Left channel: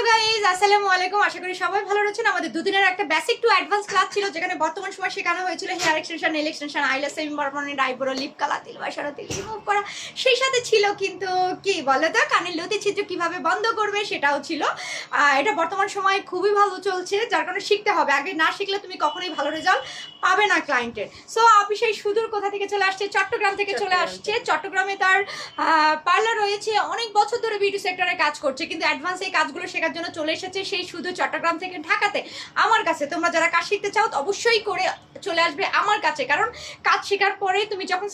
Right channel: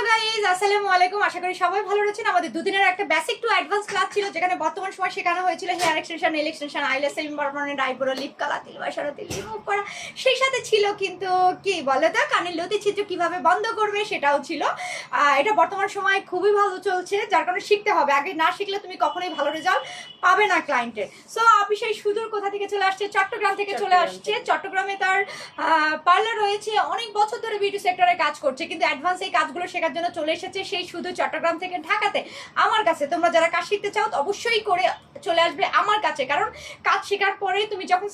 Hello guys, আসসালামু আলাইকুম। আশা করি সবাই ভালো রয়েছেন। আমাদের দুদিনের একটা বেসিক টু অ্যাডভান্স ক্লাস ছিল, যেখানে বর্তমান সময় শেখানো হয়েছিল hair extension, nail extension, eyelash সেলিং, পার্মানেন্ট আইব্রো, লিপ কালার, তিল বসানো, তিল রিমুভ করা। সেই সাথে ছিল কিন্তু কি বলে তো, কানের লতি ছিদ্র কিভাবে বন্ধ করবে সেটাও ছিল। এটা বর্তমান সময় খুবই ভালো চলছে, যার কারণে শিখতে হবে। আগে না শিখলে তুমি কখনোই ভালো রেজাল্ট পাবে না ক্লায়েন্টের। সো আপনি সেই সুদূর কোথা থেকে চলে আসছে, চট্টগ্রাম থেকে চলে আসছে। চট্টগ্রামে তার পার্লার রয়েছে, অনেক বছর ধরে বিউটি সেক্টরে কাজ করছে, কিন্তু অ্যাডভান্স এই কাজগুলো শেখার জন্য চলে এসেছে সেই শুধু চট্টগ্রাম থেকে ঢাকাতে আমার কাছে। তোমরা যারা কাজ শিখতে চাও অবশ্যই করে চলে আসবে আমার কাছে, কারণ কাজ শেখার পরে তুমি যখন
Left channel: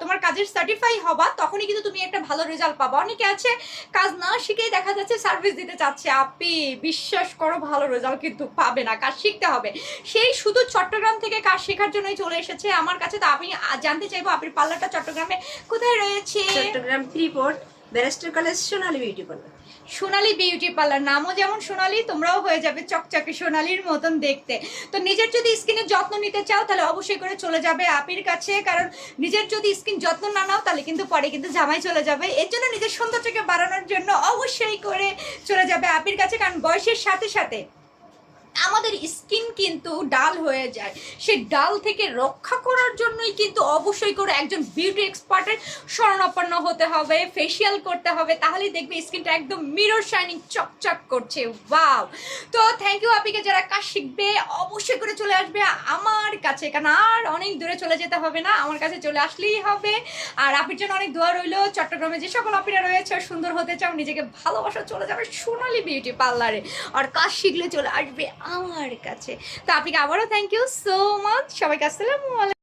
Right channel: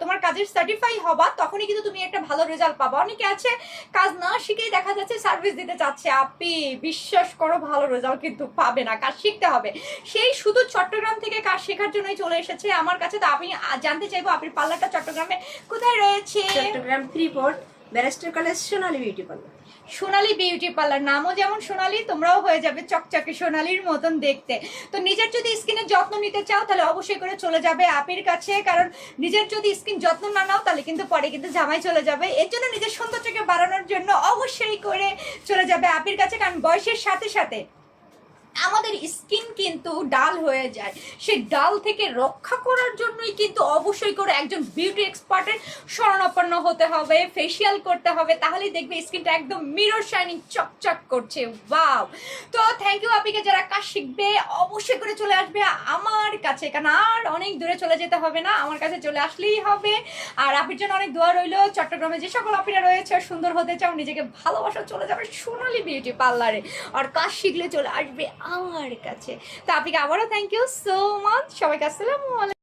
তোমার কাজের সার্টিফাই হবা তখনই কিন্তু তুমি একটা ভালো রেজাল্ট পাবা। অনেকে আছে কাজ না শিখেই দেখা যাচ্ছে সার্ভিস দিতে চাচ্ছে, আপনি বিশ্বাস করো ভালো রেজাল্ট কিন্তু পাবে না, কাজ শিখতে হবে। সেই শুধু চট্টগ্রাম থেকে কাজ শেখার জন্যই চলে এসেছে আমার কাছে। তো আমি জানতে চাইবো আপনার পার্লারটা চট্টগ্রামে কোথায় রয়েছে? চট্টগ্রাম ফ্রিপোর্ট ব্যারিস্টার কলেজ সোনালী বিউটি পার্লার। সোনালী বিউটি পার্লার, নামও যেমন সোনালী, তোমরাও হয়ে যাবে চকচকে সোনালীর মতন দেখতে। তো নিজের যদি স্কিনের যত্ন নিতে চাও তাহলে অবশ্যই করে চলে যাবে আপির কাছে, কারণ নিজের যদি স্কিন যত্ন না নাও তাহলে কিন্তু পরে কিন্তু জামাই চলে যাবে। এর জন্য নিজের সৌন্দর্যকে বাড়ানোর জন্য অবশ্যই করে চলে যাবে আপির কাছে, কারণ বয়সের সাথে সাথে আমাদের স্কিন কিন্তু ডাল হয়ে যায়। সেই ডাল থেকে রক্ষা করার জন্যই কিন্তু অবশ্যই করে একজন বিউটি এক্সপার্টের শরণাপন্ন হতে হবে, ফেসিয়াল করতে হবে, তাহলেই দেখবে স্কিনটা একদম মিরর শাইনিং চকচক করছে। ওয়াও! তো থ্যাংক ইউ আপিকে। যারা কাজ শিখবে অবশ্যই করে চলে আসবে আমার কাছে, কারণ আর অনেক দূরে চলে যেতে হবে না, আমার কাছে চলে আসলেই হবে। আর আপির জন্য অনেক দোয়া রইলো। চট্টগ্রামে যে সকল আপিরা রয়েছে, সুন্দর হতে চাও, নিজেকে ভালোবাসা, চলে যাবে সোনালী বিউটি পার্লারে। আর কাজ শিখলে চলে আসবে আমার কাছে। তো আপনাকে আবারও থ্যাংক ইউ সো মাচ। সবাইকে আসসালামু আলাইকুম।